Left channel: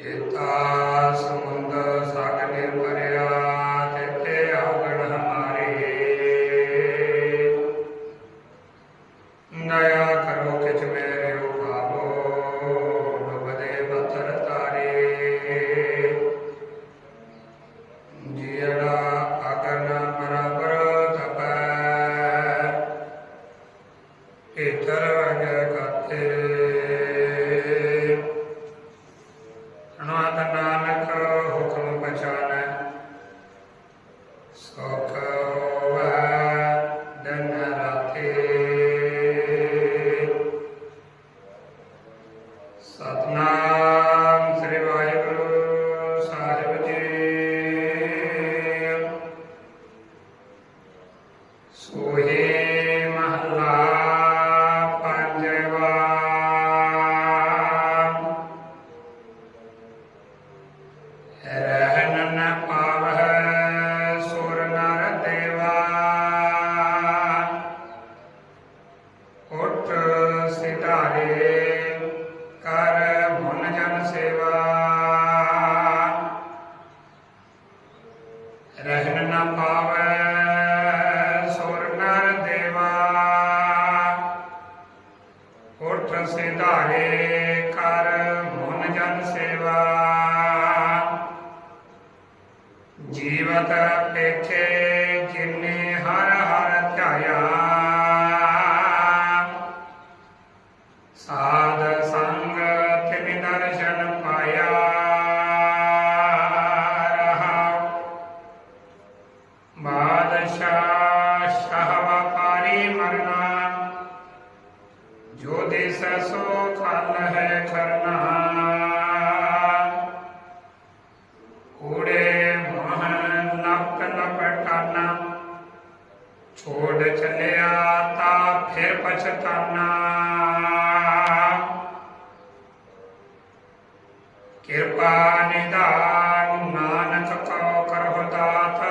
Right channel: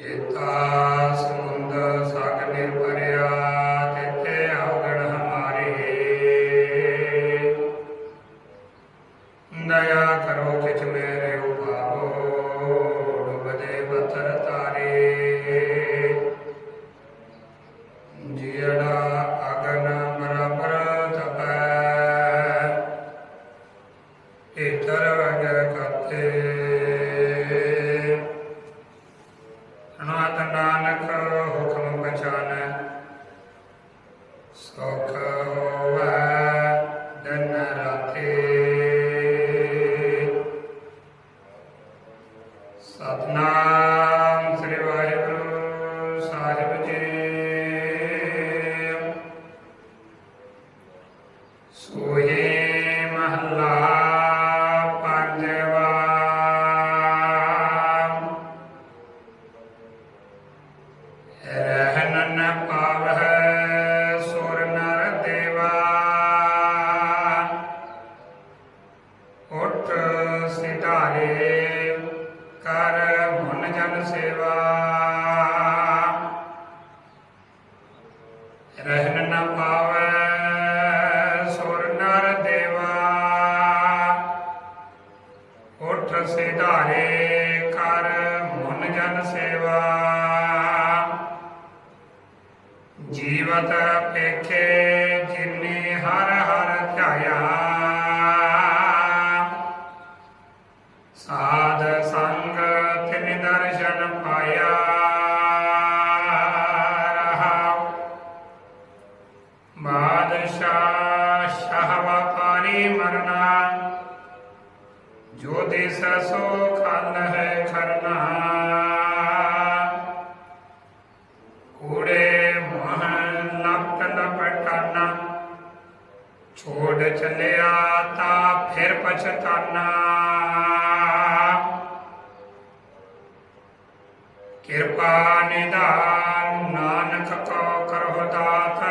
ਏਤਾ ਸਮੁੰਦ ਸਾਗਰੇ ਭਰਿਆ ਤਿਤੇ ਅਵਗਣ ਹਮਾਰੇ। ਦਇਆ ਕਰੋ ਕਿਛ ਮੇਰੇ ਉਪਾਵੋ ਡੁਬਦੇ ਬਤਰ ਤਾਰੇ। ਜਿਹੜਾ ਅਗਨ ਬਰਾਬਰ ਤਪੈ ਇਤਰ ਅਗ ਕਾਤੇ। ਸੋਹੇ ਮਹਲਾ ਪੰਜਵਾ ਰਹਿਨ ਨ ਪਾਵਹਿ ਸੁਰ ਨਰ ਦੇਵਾ ਉਠ ਸਿਧਾਰੇ ਕਰ ਮਨ ਜਨ ਸੇਵਾ ਰਹਿਨ ਨ ਪਾਵੈ ਸਿਧਾਰੇ ਕਰ ਮਨ ਜਨ ਸੇਵਾ। ਜੀਵਤ ਪੇਖੇ ਜਿਨੇ ਹਰ ਹਰ ਧਿਆਇਆ ਸਾਧ ਸੰਗ ਤਿਨ ਦਰਸ਼ਨ ਪਾਇਆ। ਰਹਾਉ ਬਾਦਸ਼ਾਹ ਸ਼ਾਹ ਵਪਾਰੀ ਮਰਨਾ। ਜੋ ਦੇਸ ਸੋ ਖਲ ਹੈ ਖਰਨਾ। ਕੂੜੇ ਮੋਹ ਲਪਟ ਲਪਟਾਨਾ ਛੋੜ ਚਲਿਆ ਤਾ ਫਿਰ ਪਛਤਾਨਾ। ਕਿਰਪਾ ਨਿਦਾਨ ਨਾਨਕ ਕੋ ਕਰਹੁ ਦਾਤ।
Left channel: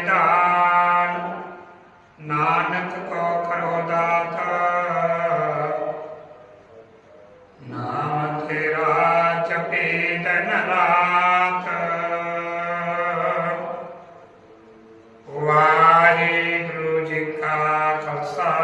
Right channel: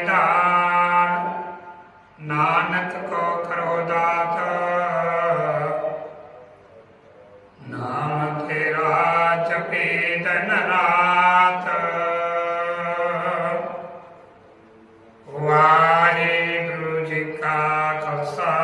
ਨਿਧਾਨ ਨਾਨਕ ਕੋ ਕਰੋ ਦਾਤ। ਨਾਮ ਤੇਰਾ ਜਪੇ ਤਨ ਰਾਤ ਵਾਹਿਗੁਰੂ ਜੀ ਕਾ ਖਾਲਸਾ।